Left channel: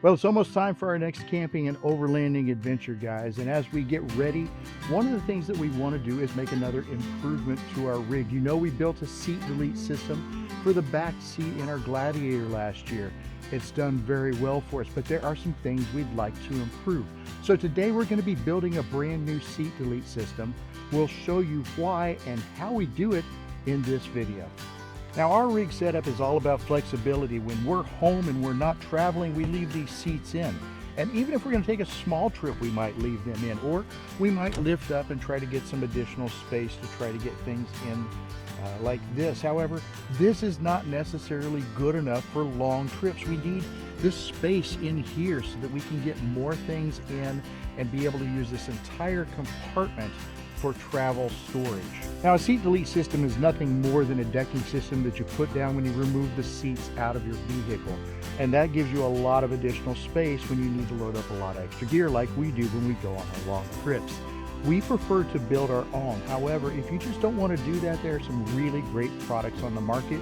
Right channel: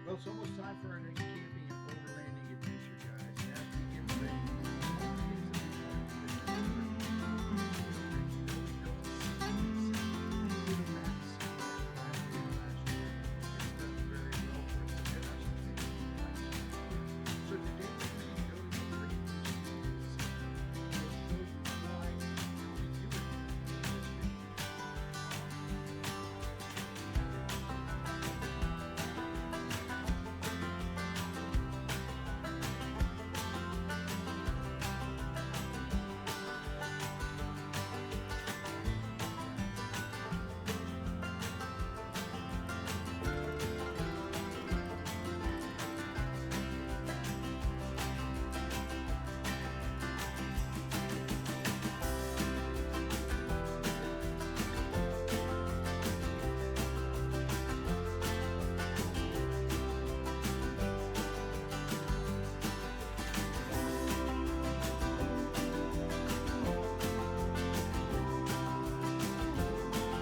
Well, it's almost time for our next camping and overlanding adventure, guys. And as we get ready, one of the things that we want to do is make another improvement to our rig. You know, we built a seat delete system for the back seat in our Gladiator last year. It's done very well for us, but there are some things we'd like to improve. So today we're going to be building a brand new seat delete system. We'll show you why and how we do it in this video. Now, our rig setup is all about flexibility. When we're home and we're not traveling, we leave these seats in. And even if we're going to take a small trip, we might leave them in, or we might lift up and try to get some additional space to try to get things in like this. However, this is not necessarily good enough for long trips. We need this space in here so that we can get more things in and be able to use this entire compartment for travel storage. Now, a seat delete system is nothing more than a decking system that you put down when you remove the seats out of your vehicle. And that gives you a lot of additional space when you need to load up a lot of extra gear like we do when we go on a long trip. We prefer to build our own. However, if you just don't want to do that, there are some really great products on the market.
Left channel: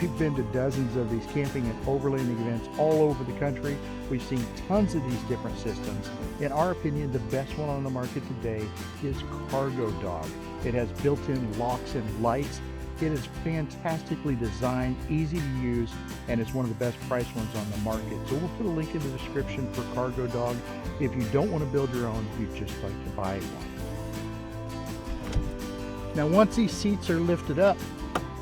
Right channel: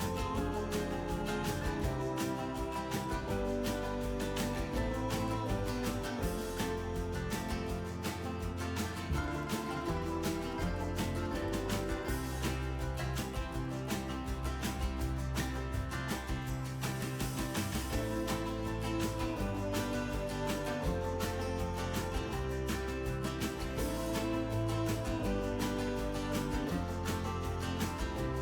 We've been to dozens of these camping and overlanding events all over the country. We've seen tons of these different systems. In our opinion, the best one on the market today is Cargo Dog. It has built-in locks and lights. It is fantastically designed, easy to use, and it's one of the best priced ones on the market. So we'll put a link in the description for Cargo Dog if you don't want to build your own, if you just like to buy one. Now, once these seats are lifted up,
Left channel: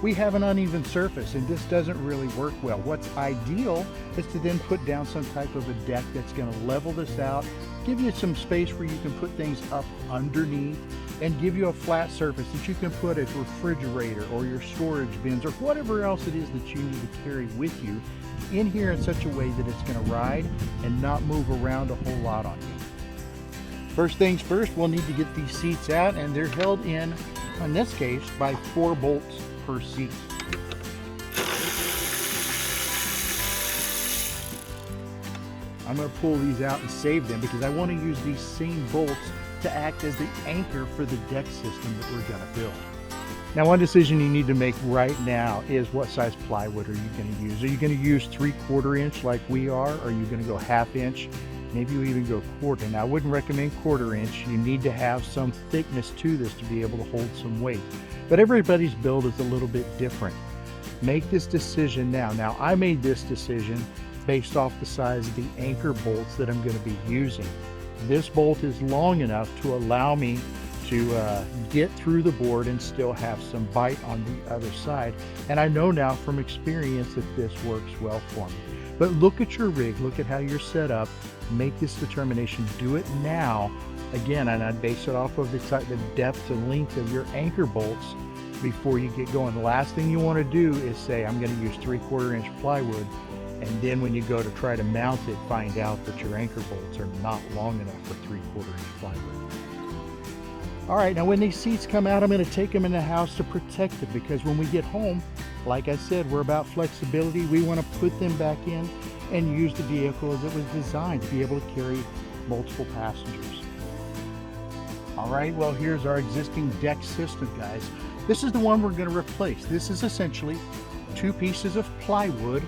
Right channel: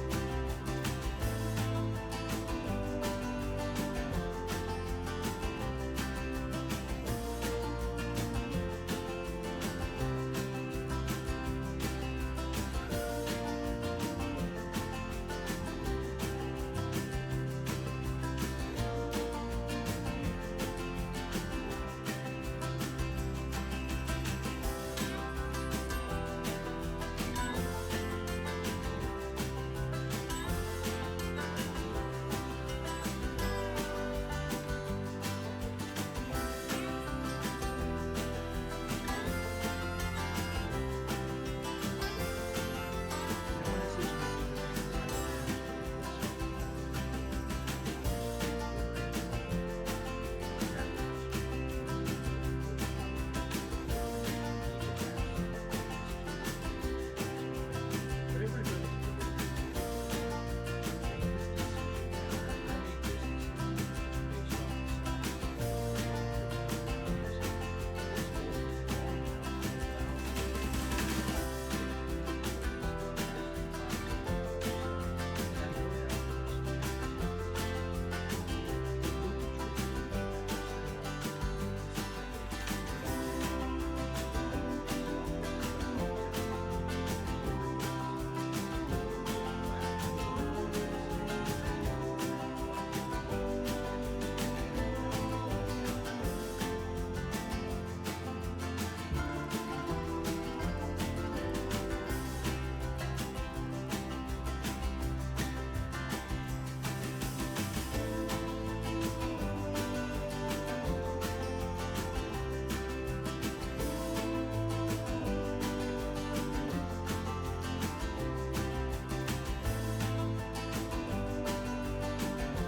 we have an uneven surface, and this doesn't really work well. What's ideal is to then put down some type of a deck that's going to level this out, give you some space where you can put things up underneath, and give you a flat surface that you can put a refrigerator or your storage bins or whatever else it is that you need to carry with you in here in such a way that it's going to ride and not move around a whole lot on you. First things first, we'll need to get these seats out, and they're held in this case, by 4 bolts per seat. I'm going to pull these out and save them because I want to use these same bolts to act as the anchor for the deck system that we're going to build. Now, one decision you need to make right now is what size plywood are you going to use? Are you going to use 3/4 inch like we are? Or are you going to go 1/2 inch? Maybe you even go 1/4. Now, I wouldn't recommend 1/4 inch. You need to have some thickness to this to be able to hold some weight. But everybody's build is a little bit different. Make this decision now. Now, I made this decision based off the size of the anchor bolts that I'm going to be using. This bolt is long enough to allow me to get through the board and still have some bite on the other side. And I know now from experience that this works well for me. But look at your rig, look at how you're set up, make this determination, do it now. Again, and I base it off of the depth and length of your anchor bolts before you get going. The last thing you want to do is say, I'm going to use 3/4 inch plywood, and then when you go to try to mount it, find out that your anchor bolts are not long enough for 3/4 inch plywood. All right, now when these seats come out, I'm going to take them in the house to protect it, because when we get home, like I said, we're about flexibility. We want to put them back in and use the vehicle as it was designed to be able to carry multiple passengers. All right, well, here's our existing deck system, guys. This is the one we're going to replace. This is essentially 2 pieces of plywood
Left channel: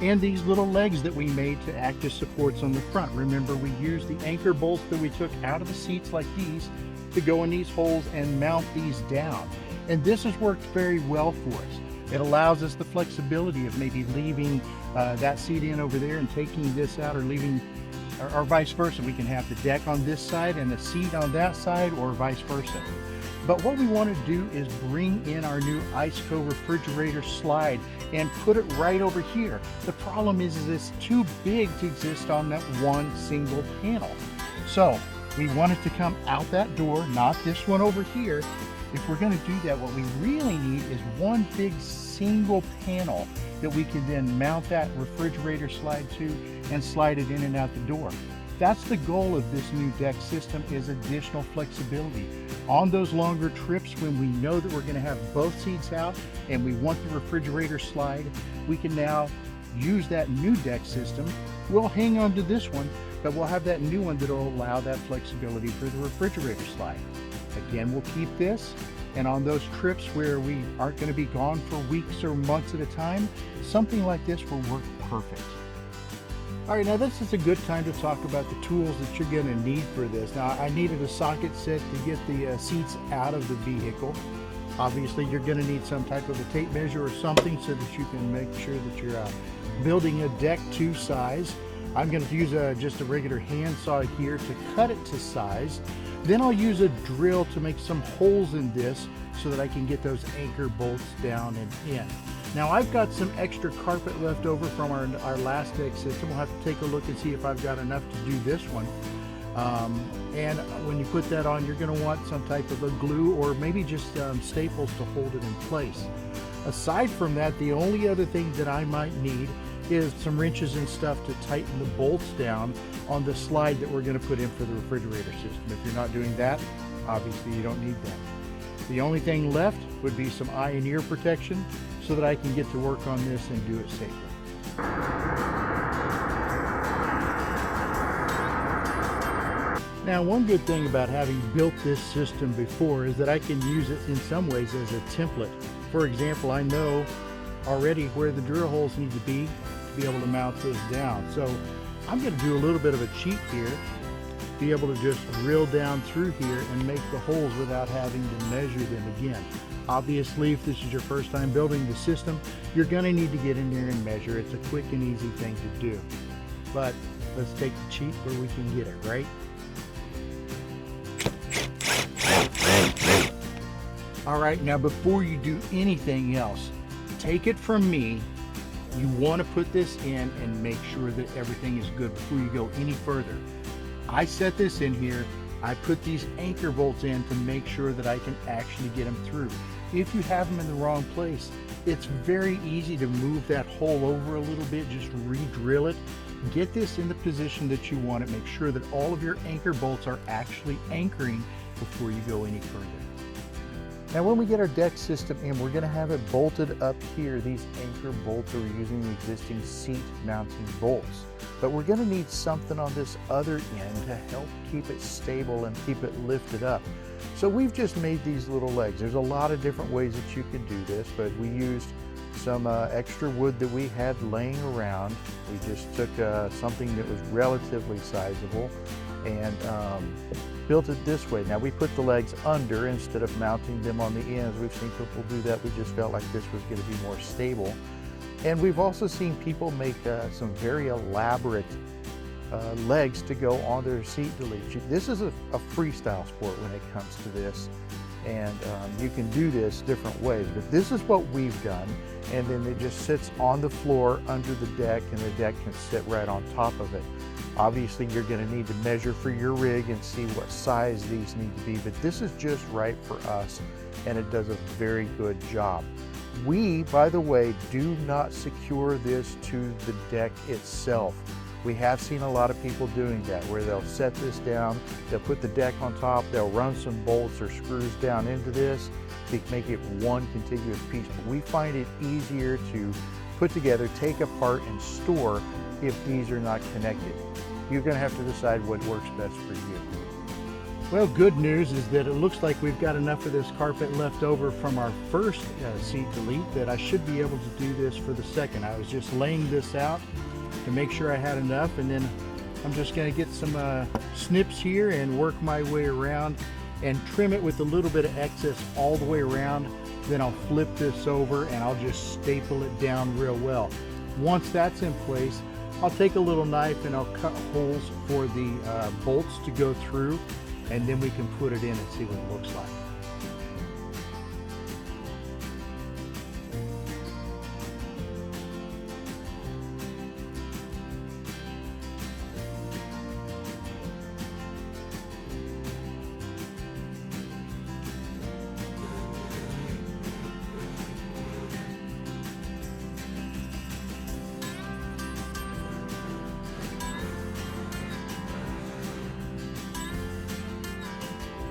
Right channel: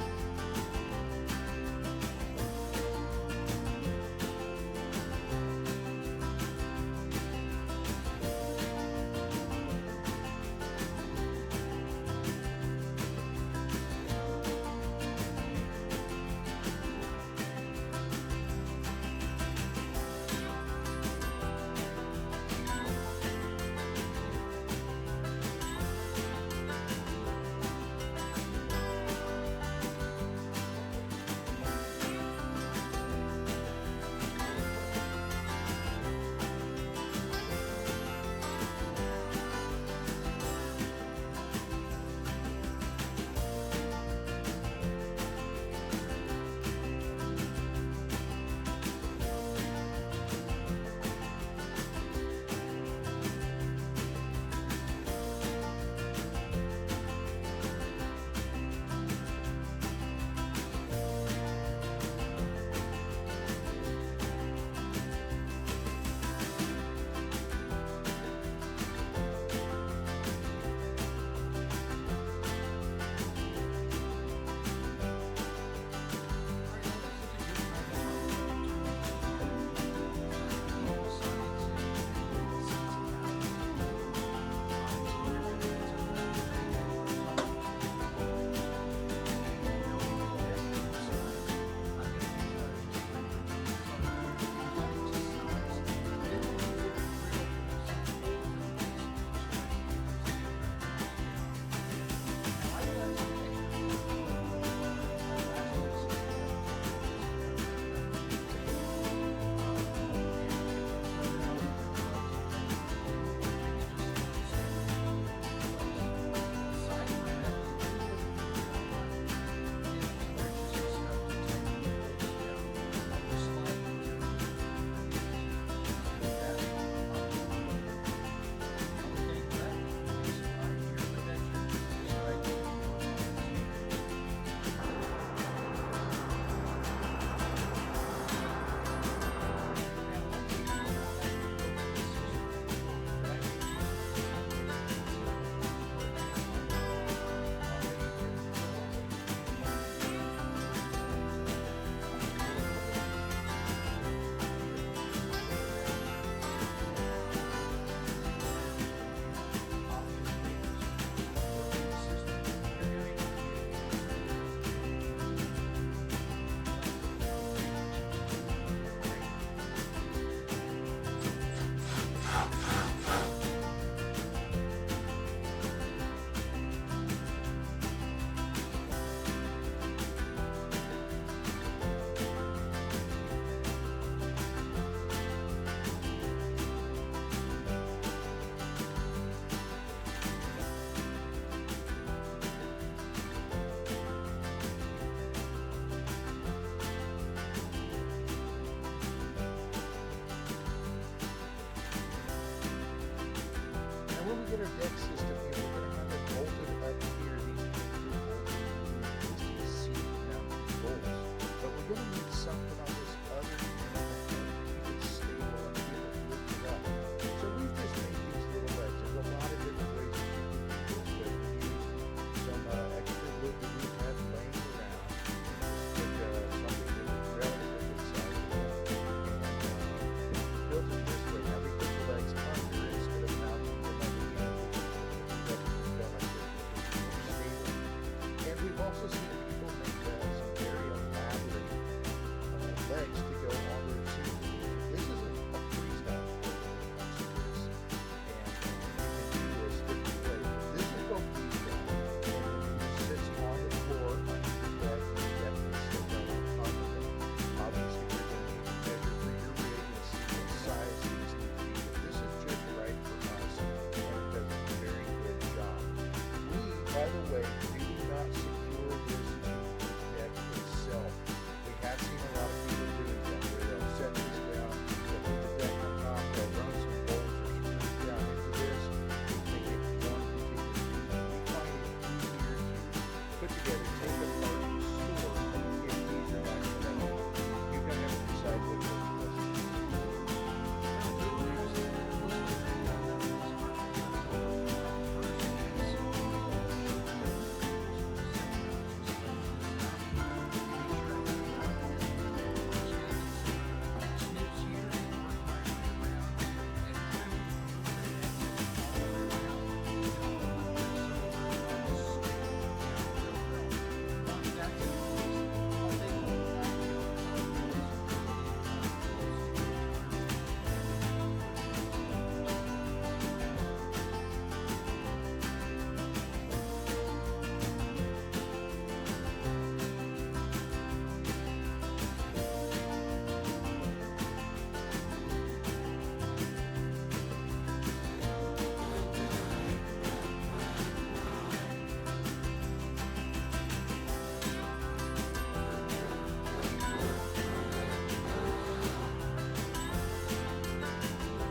and these little legs that we made to act as supports on the front. Remember, we used the anchor bolts that we took out of the seats like these to go in these holes and mount these down. And this has worked very well for us. It allows us the flexibility of maybe leaving that seat in over there and taking this out, or leaving, or vice versa. We can have the deck on this side and the seat on that side, or vice versa. But what we want to do is bring in our new IceCo refrigerator slide and put it right over here. The problem is it's too big to exist on that one single panel. So we want it to come out that door, not this one over here. If we're going to do that, what we really need is one big single panel that we can then mount that refrigerator slide to and slide it in and out the door. That's the goal of this new deck system, is additional flexibility. On those longer trips when we know that we're going to have both seats out and we want the refrigerator slide, we can now use that new deck system. We'll hang on to this one, but we'll have that new one that will allow that flexibility for the refrigerator slide. Again, we'll keep this, and on those trips where we aren't going to be gone for weeks or months at a time, something like this will work perfect. All right, now this is a good time to talk about the tools that you're going to need for this. Now, I needed a socket set to get the seats out of the vehicle. Obviously, you're going to need some type of a tape measure or something so that you can make sure that you're building a deck to size. I'm going to use just a regular hand saw here to cut it to size. Then I'll use a drill to make some holes in this so that I can get those anchor bolts down and in. Now I've got some extra carpet left over from our last deck system. We'll have to take a look and see if I've got enough to do this one. And when you put that on, you're going to want some type of a glue or maybe just staples to hold it in place. Aside from that, the only other thing that I might need is some wrenches and stuff to tighten the bolts down on the slide that we're going to put in for the refrigerator system. If you're not doing that, obviously you don't need that. The only thing left would be some eye and ear protection so that I can get to work on this and do it safely. Now, one good thing about having built this system before is that I can use it in some ways as a template. For example, I know already where the drill holes need to be able to mount those down. So I'm going to do a little bit of a cheat here, be able to just drill down through here and make the holes without having to measure them again. Obviously, if this is your first time building the system, you're going to need to get in there and measure. It's a quick and easy thing to do. But let's take the cheat where we can get it, right? All right, now before you do anything else, take it from me, you want to put this in and make sure that everything is good before you go any further. I set this in here, I put these anchor bolts in to make sure that I can actually get them through. If you have them in the wrong place, it's very easy to move that hole over a little bit, just re-drill it. Get this in the position that you want it. Make sure that all of your anchor bolts are actually anchoring before you go any further. Now when we get our deck system in, we're going to have it bolted up here. These anchor bolts are using the existing seat mounting bolts. But we're going to need something on this other end to help keep it stable and keep it lifted up. So we've just made these little legs. There's a lot of different ways that you can do this, but we used some extra wood that we had laying around. We just took something that was relatively sizable and built it this way. Now we put the legs under instead of mounting them on the ends. We've seen people do that. We just felt like this was going to be more stable. And we've also seen people make some very elaborate legs to go on their seat relief. This is a freestyle sport when it comes to this. And you can do this different ways, but this is what we've done. And then it just sits on the floor under the deck, and the deck can sit right on top of it. Obviously, you're going to need to measure for your rig and see what size these need to be, but this is just right for us, and it does a very good job. We, by the way, do not secure this to the deck itself. We have seen a lot of people doing that, where they'll set this down, they'll put the deck on top, they'll run some bolts or screws down into this to make it one contiguous piece. But we find it easier to put together, take apart, and store if these are not connected. You're going to have to decide what works best for you. Well, good news is that it looks like we've got enough of this carpet left over from our first seat delete that I should be able to do this for the second. I was just laying this out to make sure I had enough, and then I'm just going to get some snips here and work my way around and trim it with a little bit of excess all the way around. Then I'll flip this over and I'll just staple it down real well. Once that's in place, I'll take a little knife and I'll cut holes for the bolts to go through, and then we can put it in and see what it looks like.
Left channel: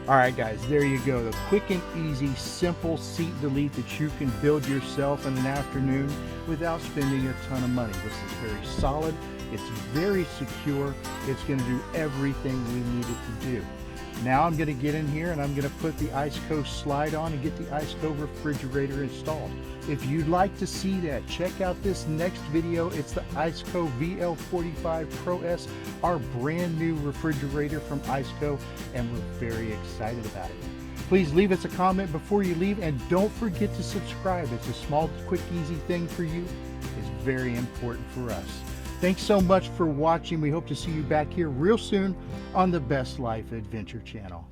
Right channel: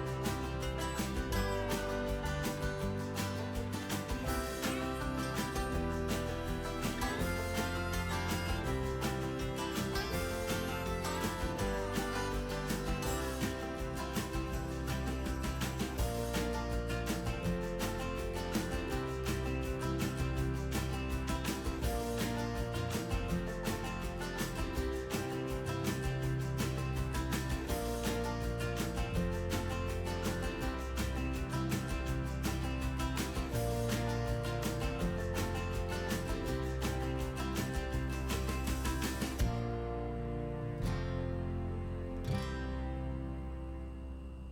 All right, guys, there you go. The quick and easy, simple seat delete that you can build yourself in an afternoon without spending a ton of money. This is very solid. It's very secure. It's going to do everything we need it to do. Now I'm going to get in here and I'm going to put the Iceco slide on and get the Iceco refrigerator installed. If you'd like to see that, check out this next video. It's the Iceco VL45 Pro S, our brand new refrigerator from Iceco, and we're very excited about it. Please leave us a comment before you leave, and don't forget to subscribe. It's a small, quick, easy thing for you. It's very important for us. Thanks so much for watching. We hope to see you back here real soon on the Best Life Adventure channel.